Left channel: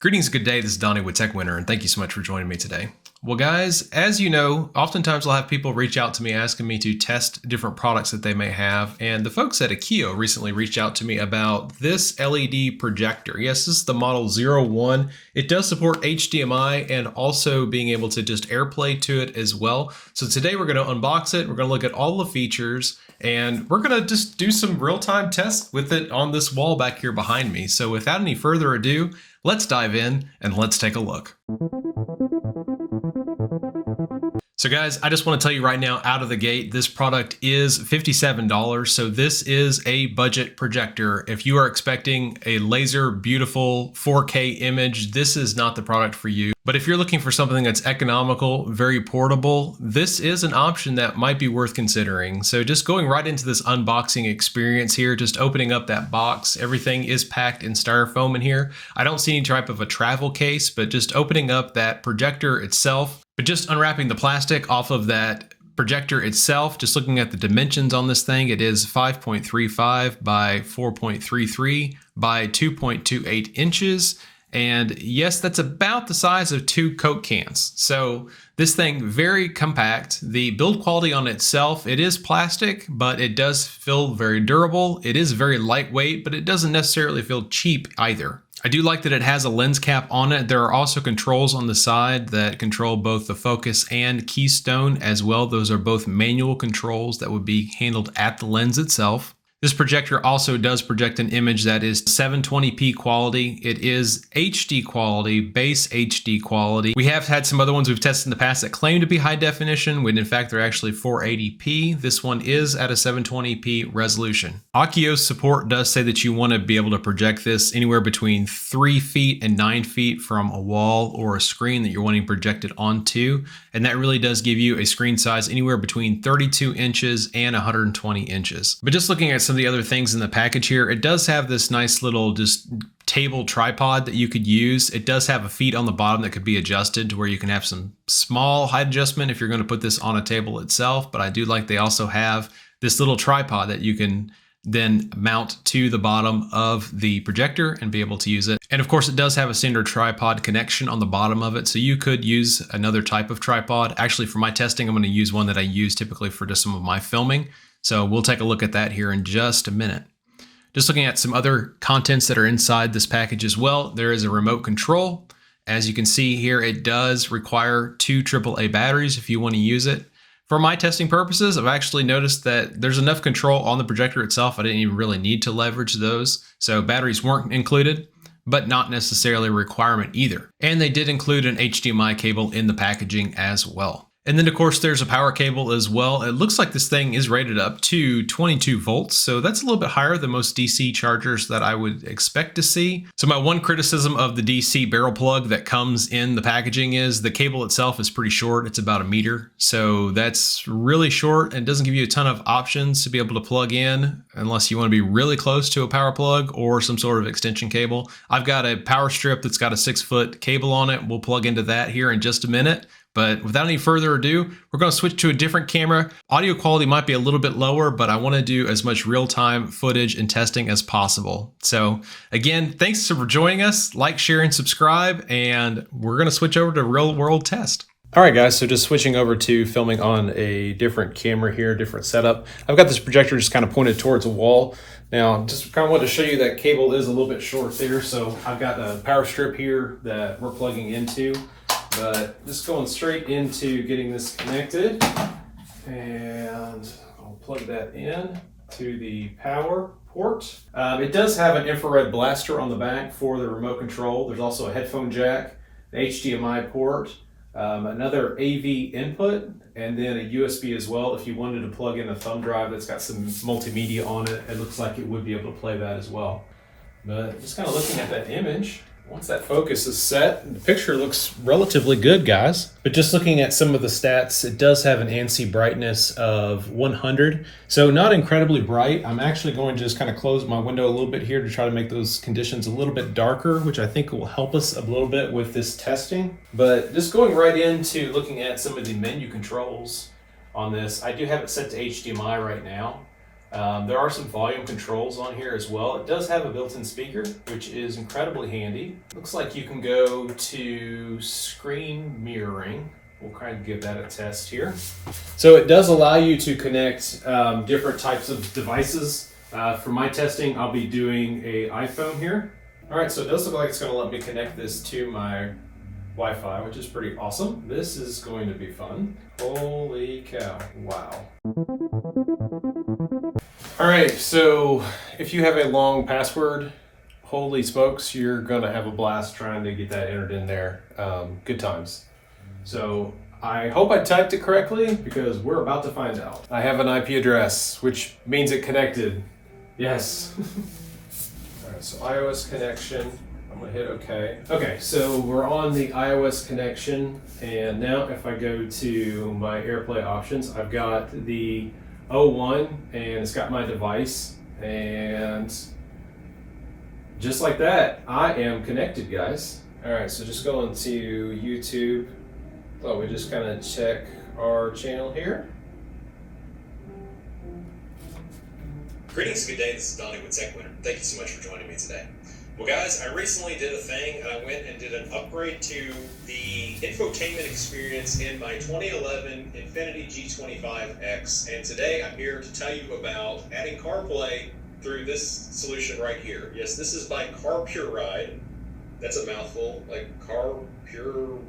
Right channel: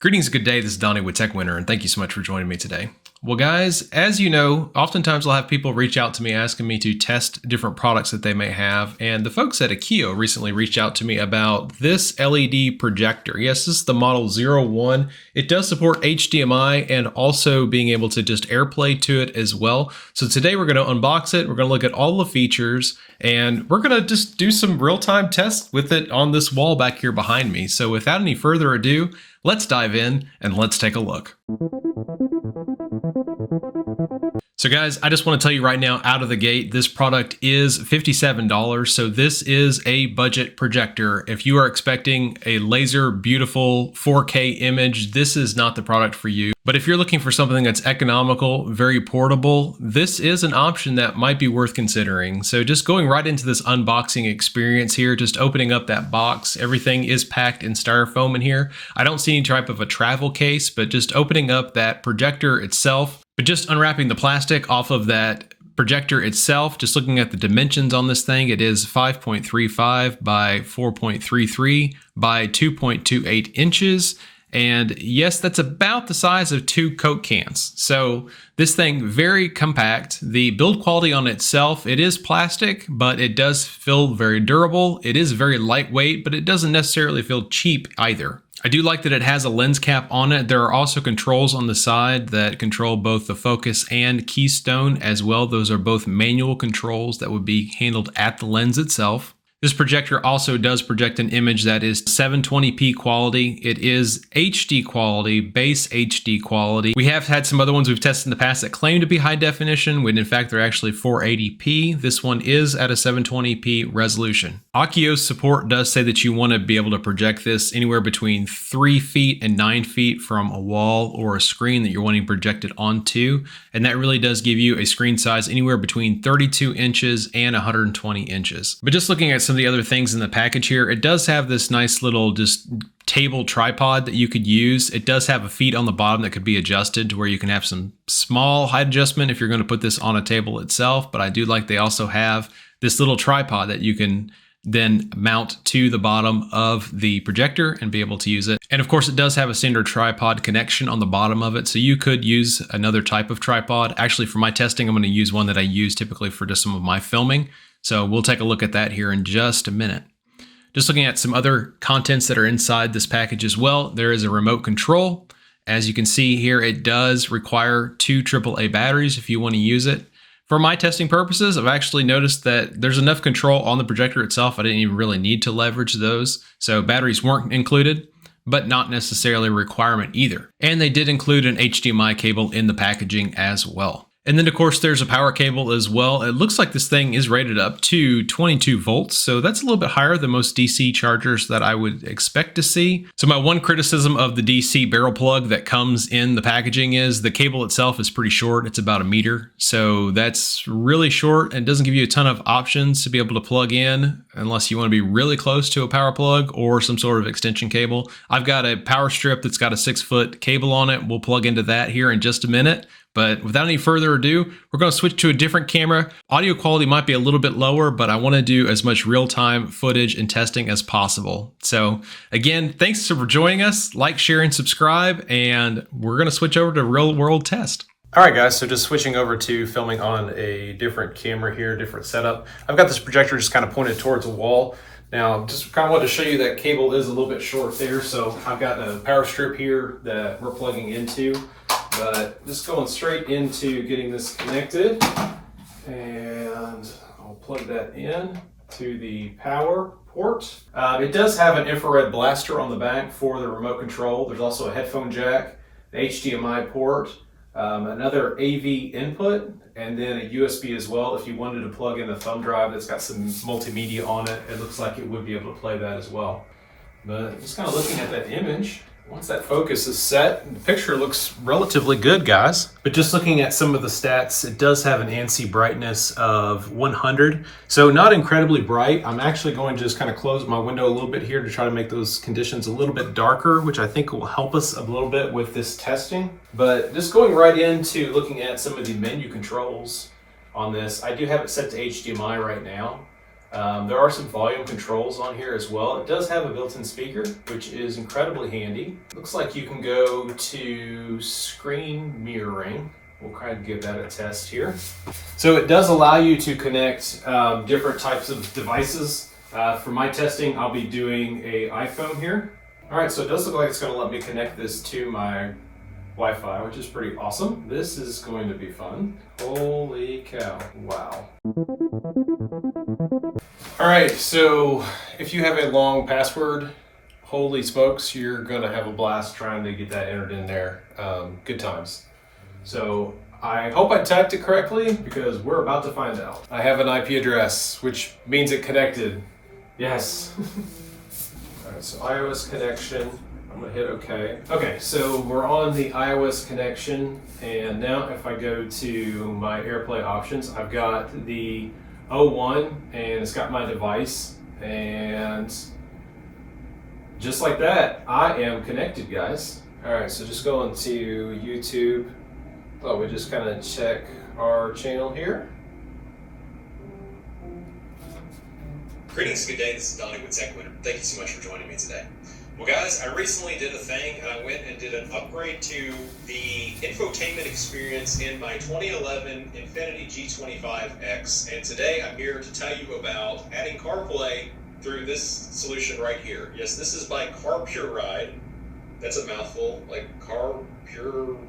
Greetings, good day. This is Donnie with TechWinner, and thank you so much for joining me today. Well, guys, as you know, oftentimes I'll have people reach out to me asking me to test different products that they may have, and the folks at Akiyo recently reached out to me about this LED projector. Yes, this is the model 01. It does support HDMI and also being able to just AirPlay to it as well. So today we're going to unbox it, we're going to look at all the features, and we're going to just do some real-time tests with it on this wall back here behind me. So without any further ado, let's dive in and let's take a look. So guys, I just want to tell you right now out of the gate, this product is $57. So this is a budget projector. If you are expecting a laser beautiful 4K image, this is not the product for you. But if you're looking for something that's economical, very portable, this is an option that might be worth considering. So just going right into this unboxing experience here, just opening up that box, everything is packed in styrofoam in here. I don't see any type of a travel case, but just opening up that projector itself, but just unwrapping the plastic off of that projector itself, just looking at the dimensions on this thing, it is 5.35 by 4.33 by 2.28 inches. And yes, that's about the size of 2 Coke cans. So this thing, very compact. The build quality on itself, it is plastic, but it does feel very durable. It is very lightweight, but it doesn't necessarily feel cheap either. I do like that it has a lens cap on it. There are also controls on the side that control both the focus and keystone as well. Those are both manual controls that would be handled at the lens itself. This projector also does project an image that is 720p quality. It is HD quality, base HD quality. We have had some other ones we've tested in the past that claim to be high definition, when in fact they're actually 480p. This one is at a 720p resolution. Akiyo's support does say that you want to be able to project this anywhere between 3 feet and 9 feet from a wall or a screen that you're wanting projected onto. And that really does give you a screen size anywhere between 32 inches and 120 inches. But just looking at some of the other things in the package here, it does have this nice little just table tripod that you could use. It does have a feet on the bottom that could be adjusted to where you can have some small height adjustment if you're going to put this on a table itself. But I do like they also have this little tripod that you can then mount to the bottom of the projector and be able to use it. And of course, it does have a standard tripod connection on the bottom of it. So you could use another type of tripod. Actually, for my testing, I'm going to use one that I use typically for just some of my filming. So we'll take a look at that here in just a minute. Just looking at some other contents that are inside this package as well. There is a remote control. As you can see here, it does require 2 AAA batteries if you want to use it. For my testing purposes, I've actually noticed that there's enough control on the projector itself. I didn't even really need to leverage those. So batteries weren't included, but not necessarily a requirement either. And they did include an HDMI cable in the packaging as well. And then of course there's a power cable as well. It looks like this thing is rated up to 22 volts. So that's a little bit higher than most DC chargers that I would expect to see. So my one criticism of the DC barrel plug that comes in the packaging is the cable itself is pretty short. It's about 1 meter. So that's really short and doesn't give you a ton of options to be able to plug in unless you want to be really close to a power plug or some sort of extension cable. I've got a power strip that's got a 6-foot cable on it. We'll plug into that here in just a minute. But without any further ado, we're going to switch to a different camera. Audio quality might be a little bit lower, but I want to do as much real-time footage and testing as possible. So again, thanks for joining us. Like, share, and subscribe, and we're going to switch over to real-world test. All right, guys, so just switching over to filming on a different camera here, different setup. I've got this projector just kind of pointed towards a wall. Now, just kind of wanted to show you that cable is a little bit short there. So I've got a power strip here that we're plugging into. But just going straight into getting this connected, and I'll plug that in to the power port. It does have an infrared blaster on the back for the remote control. There's also a headphone jack, an HDMI port, another AV input, and then a USB as well. If you wanted to plug in a thumb drive that's got some multimedia on it, it looks like it would be able to play that as well. But just kind of looking at that image, once that focus is set, the picture looks relatively good, guys. But just looking at some of the stats, it does have an ANSI brightness of 100. So not incredibly bright. I'm actually going to just kind of close my window a little bit here to try to make those conditions a little bit darker, which I think will help us a little bit with this testing. But just going right into looking at some of the menu controls on this, I do have it set to HDMI right now. There are some volume controls on here as well. It does have a built-in speaker, which is incredibly handy. Looks like you can go to screen mirroring. We'll try to give that a test here. So it does allow you to connect different types of devices. For my testing, I'll be doing a iPhone here. All right, so it does look like it's gonna let me connect this to my Wi-Fi, which is pretty awesome. This is going to be fun. Holy cow, wow. All right, so if you have a long password, holy smokes, you're gonna have a blast trying to get that entered in there. Good times. So I hope I typed it correctly because we're about to find out. I have an IP address, which means it connected. Yes. All right, so iOS connection. I'm gonna hit OK. Okay, so we're on the iOS connection, and now if I go to my AirPlay options, I've got the O1 and it's got my device, and just like that, I am connected, guys. All right, so just going to YouTube. Thought we'd just kind of check our channel here. Greetings, good day, this is Donnie with TechWinner. Thank you so much for joining me today. Well guys, I recently did a thing and I went and did an upgrade to the infotainment experience in my 2011 Infiniti G25X, and today I'm here to tell you about adding CarPlay through this solution right here. Yes, this is by CarPurRide. That's a mouthful, like CarPurRide?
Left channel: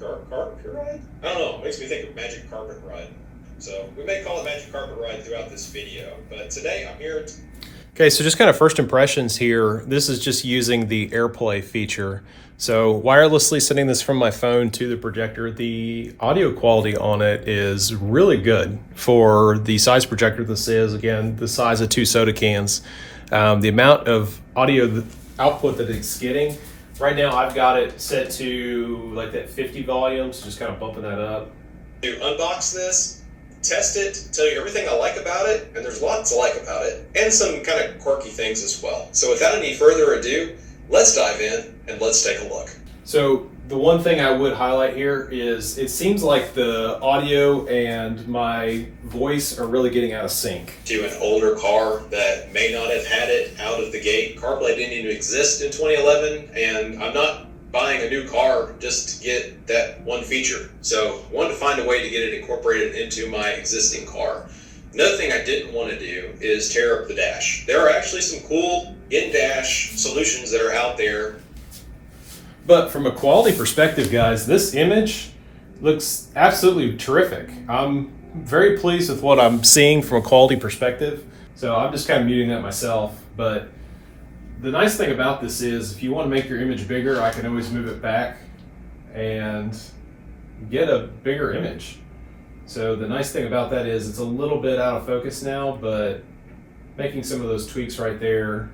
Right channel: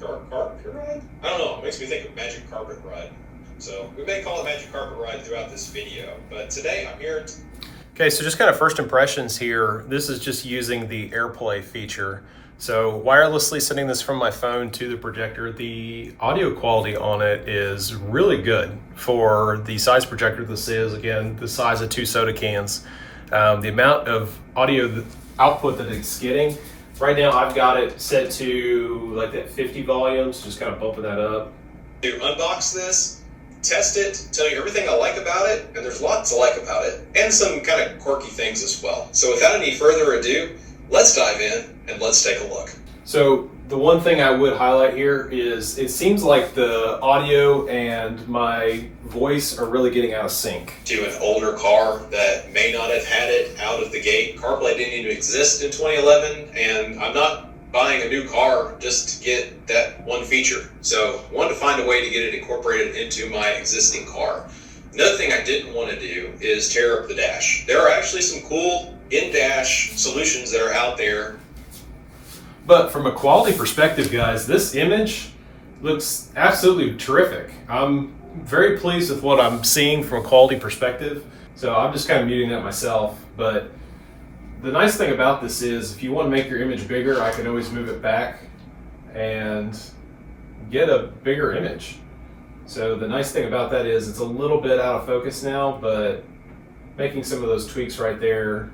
I don't know, it makes me think of Magic Carpet Ride. So we may call it Magic Carpet Ride throughout this video, but today I'm here to... Okay, so just kind of first impressions here. This is just using the AirPlay feature. So wirelessly sending this from my phone to the projector, the audio quality on it is really good for the size projector this is. Again, the size of 2 soda cans. The amount of audio output that it's getting, right now I've got it set to like that 50 volume, so just kind of bumping that up. To unbox this, test it, tell you everything I like about it, and there's lots to like about it, and some kind of quirky things as well. So without any further ado, let's dive in and let's take a look. So the one thing I would highlight here is it seems like the audio and my voice are really getting out of sync. To an older car that may not have had it out of the gate, CarPlay didn't even exist in 2011, and I'm not buying a new car just to get that one feature. So I wanted to find a way to get it incorporated into my existing car. Another thing I didn't want to do is tear up the dash. There are actually some cool in-dash solutions that are out there. But from a quality perspective, guys, this image looks absolutely terrific. I'm very pleased with what I'm seeing from a quality perspective. So I'm just kind of muting that myself. But the nice thing about this is if you want to make your image bigger, I can always move it back and get a bigger image. So the nice thing about that is it's a little bit out of focus now, but making some of those tweaks right there,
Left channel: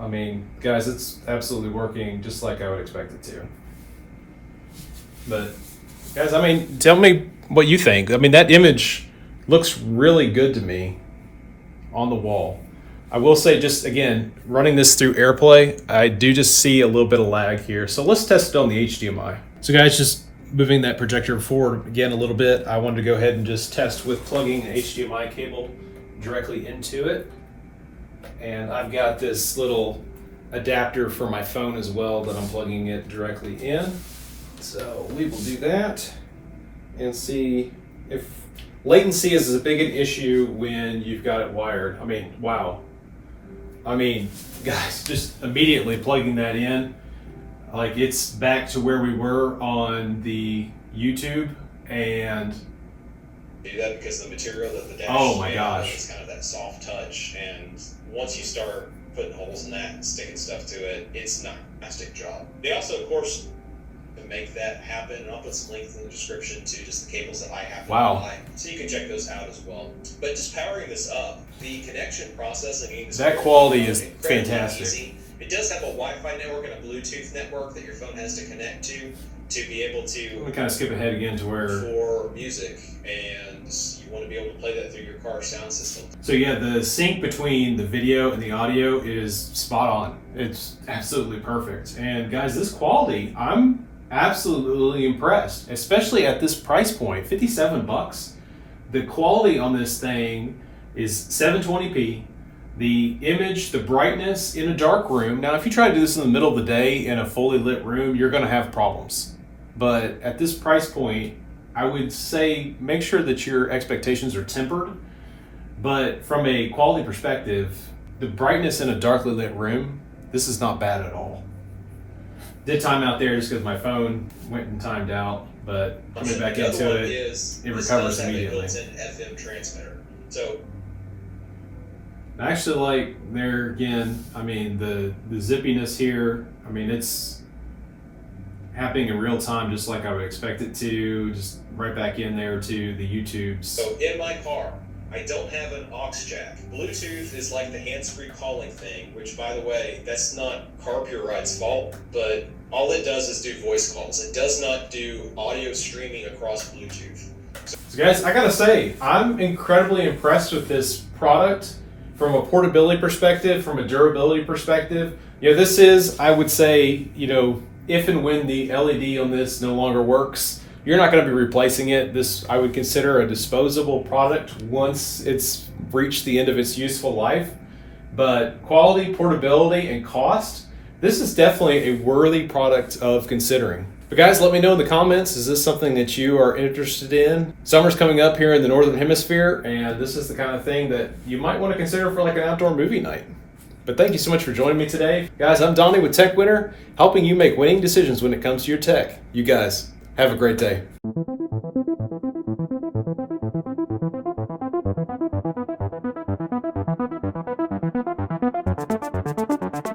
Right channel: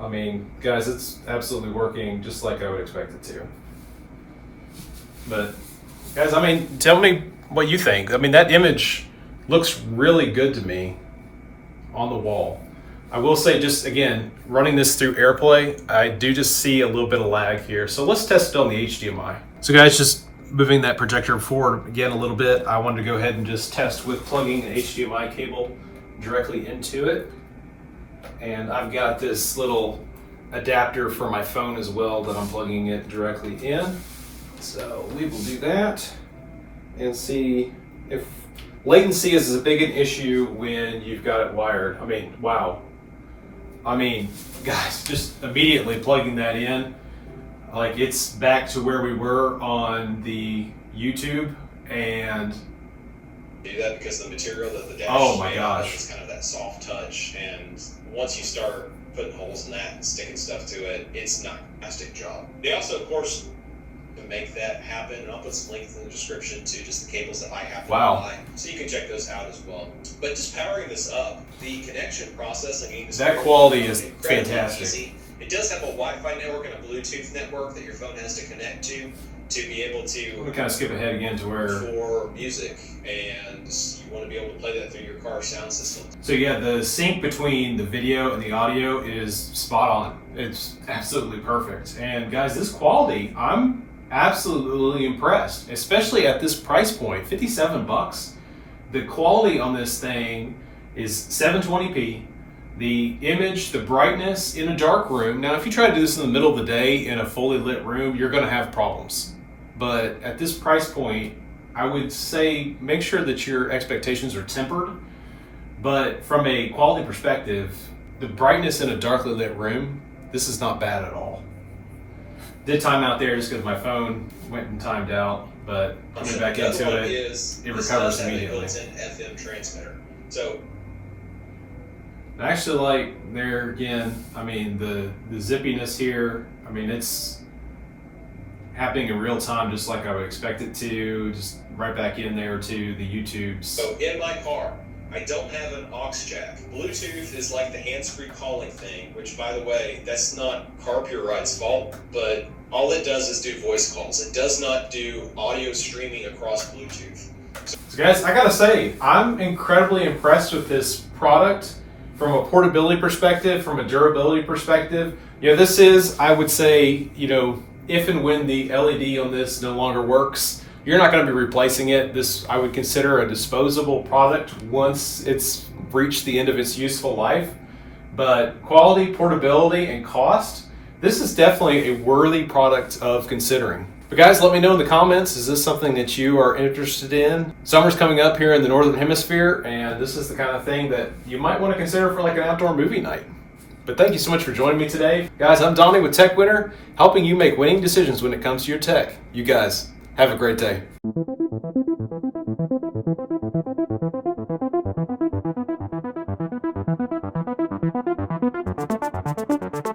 I mean, guys, it's absolutely working just like I would expect it to. But guys, I mean, tell me what you think. I mean, that image looks really good to me on the wall. I will say, just again, running this through AirPlay, I do just see a little bit of lag here. So let's test it on the HDMI. So guys, just moving that projector forward again a little bit, I wanted to go ahead and just test with plugging an HDMI cable directly into it. And I've got this little adapter for my phone as well that I'm plugging it directly in. So we will do that and see if latency is as big an issue when you've got it wired. I mean, wow. I mean, guys, just immediately plugging that in, like it's back to where we were on the YouTube, and do that because the material that the dash is kind of that soft touch, and once you start putting holes in that and sticking stuff to it, it's not a fantastic job. They also, of course, to make that happen, and I'll put some links in the description to just the cables that I have to buy, so you can check those out as well. But just powering this up, the connection processing, that quality is fantastic. Easy. It does have a Wi-Fi network and a Bluetooth network that your phone has to connect to be able to. We kind of skip ahead again to where for music, and you want to be able to play that through your car sound system. So yeah, the sync between the video and the audio is spot on. It's absolutely perfect. And guys, this quality, I'm absolutely impressed, especially at this price point, 57 bucks. The quality on this thing is 720p. The image, the brightness in a dark room. Now, if you try to do this in the middle of the day in a fully lit room, you're going to have problems. But at this price point, I would say make sure that your expectations are tempered. But from a quality perspective, the brightness in a darkly lit room, this is not bad at all. Did time out there just because my phone went and timed out, but coming back into it, it recovers immediately. Built-in FM transmitter. So I actually like there again, I mean, the zippiness here, I mean, it's happening in real time just like I would expect it to, just right back in there to the YouTubes. So in my car, I don't have an aux jack. Bluetooth is like the hands-free calling thing, which, by the way, that's not Car Pure Ride's fault, but all it does is do voice calls. It does not do audio streaming across Bluetooth. So guys, I gotta say, I'm incredibly impressed with this product from a portability perspective, from a durability perspective. You know, this is, I would say, you know, if and when the LED on this no longer works, you're not going to be replacing it. This I would consider a disposable product once it's reached the end of its useful life. But quality, portability, and cost, this is definitely a worthy product of considering. But guys, let me know in the comments, is this something that you are interested in? Summer's coming up here in the Northern Hemisphere, and this is the kind of thing that you might want to consider for like an outdoor movie night. But thank you so much for joining me today. Guys, I'm Donnie with Tech Winner, helping you make winning decisions when it comes to your tech. You guys, have a great day.